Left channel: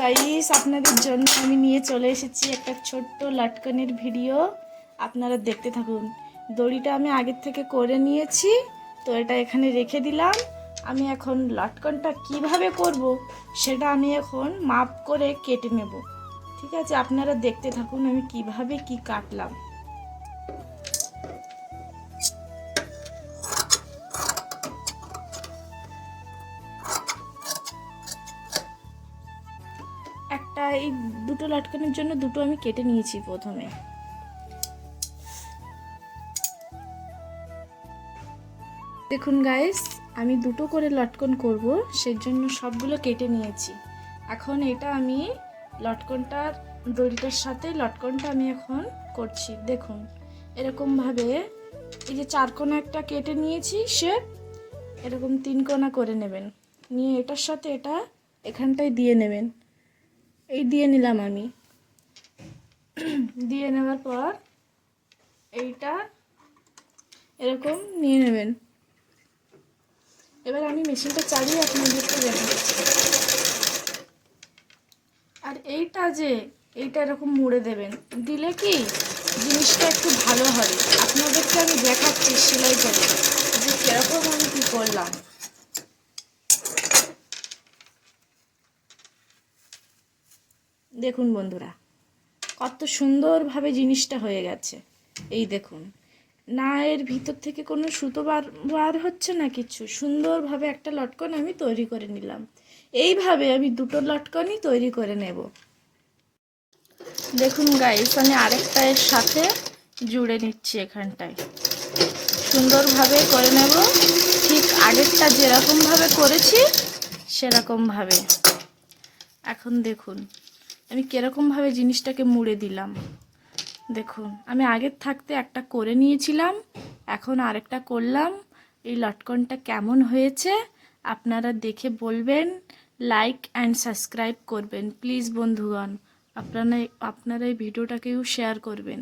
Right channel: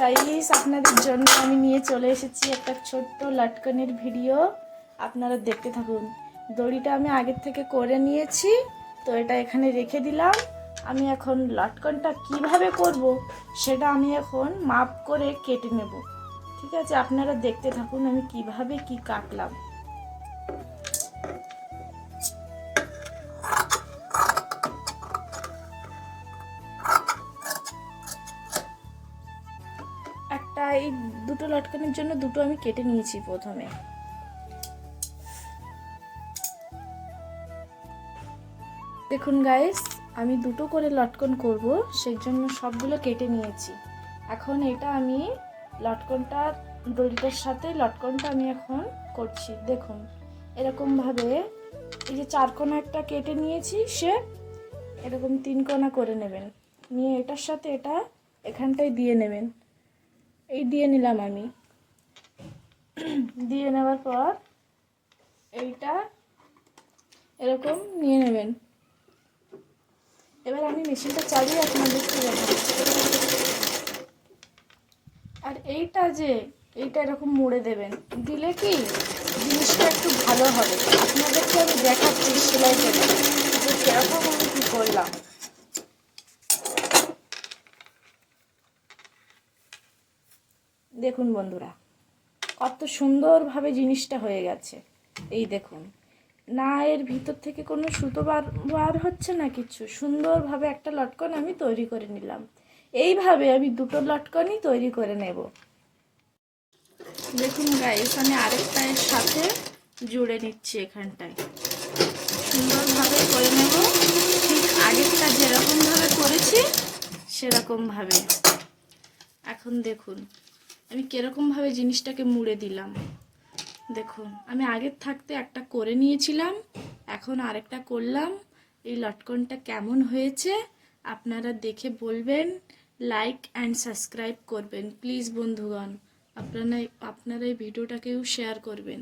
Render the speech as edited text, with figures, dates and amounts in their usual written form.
Guys, আপনাদের জন্য আমি নিয়ে চলে এসেছি একটা ছোট্ট লটকনের ভিডিও। আপনারা দেখতে থাকুন। দড়িটা আমি আগের থেকে করে নিয়েছি, তো এটা এখানে রেখে দিলাম। আমি এখন লটকনটা কিভাবে করব সেটা আমি এখন মাপ করে কেটে নেব। ঠিক আছে, আপনারা দেখতে থাকুন আমি কিভাবে কি কাটলাম। এই দুটো লটকনের জন্য দুটো আমি কেটে নিয়েছি প্রথমে। দেখুন গাইস, আমি দুটো করে লটকন করব, সেই জন্য সবগুলো কেটে নিয়েছি। এখন এটা আমি লটকনটার দড়িটার সাথে লটকনটা আমি এখন করছি। দেখুন এরকম ভাবে এই যে 4 কোণা একটা কেটে নিয়েছি, সে এরকম 3 কোণা করে নেবেন। নিয়ে এটার সাথে এটা এখানটায় দিয়ে নেবেন। এই দিয়ে নিলাম আমি। দিয়ে নেওয়ার পর এইটা এরকম নিয়ে নেবেন। এবার আমি মেশিনটা চালিয়ে আপনাদেরকে দেখাচ্ছি। আর এইটা এরকম মুড়ে দেবেন, দিলে কি জিনিসটা একটু ভালো হবে। আপনাদেরকে আমি দেখাচ্ছি সেলাই করে যে সেরকম আমি কি করলাম। দেখুন বন্ধুরা, কত সুন্দরভাবে জিনিসটা হয়ে গেছে। এই দেখুন, না এর ভিতর থেকে কোনো সুতো বার হচ্ছে না কিছু। সুন্দরভাবে একটা লটকন আমি তৈরি করে নিলাম। এইভাবে আমি দুটো লটকনই তৈরি করে নেব। দেখুন গাইস, আমি আরেকটা এর সাথে জুড়ে নিচ্ছি। এখানটায় সুন্দরভাবে করে নেব, ঠিক আগেরটা যেরকমভাবে করেছি সেরকমভাবে। এখন দেখুন আমি কিরকমভাবে জিনিসটাকে মুড়ে দিলাম। দেখুন আমি আগের থাকতে একটা করে নিয়েছিলাম, এখন আরেকটা করলাম। এই লটকনটা কেমন হয়েছে আপনারা দেখে বলবেন। লাইক অ্যান্ড সাবস্ক্রাইব করবেন প্লিজ বন্ধুগণ। আপনারা এই ভিডিওটাকেও শেয়ার করবেন।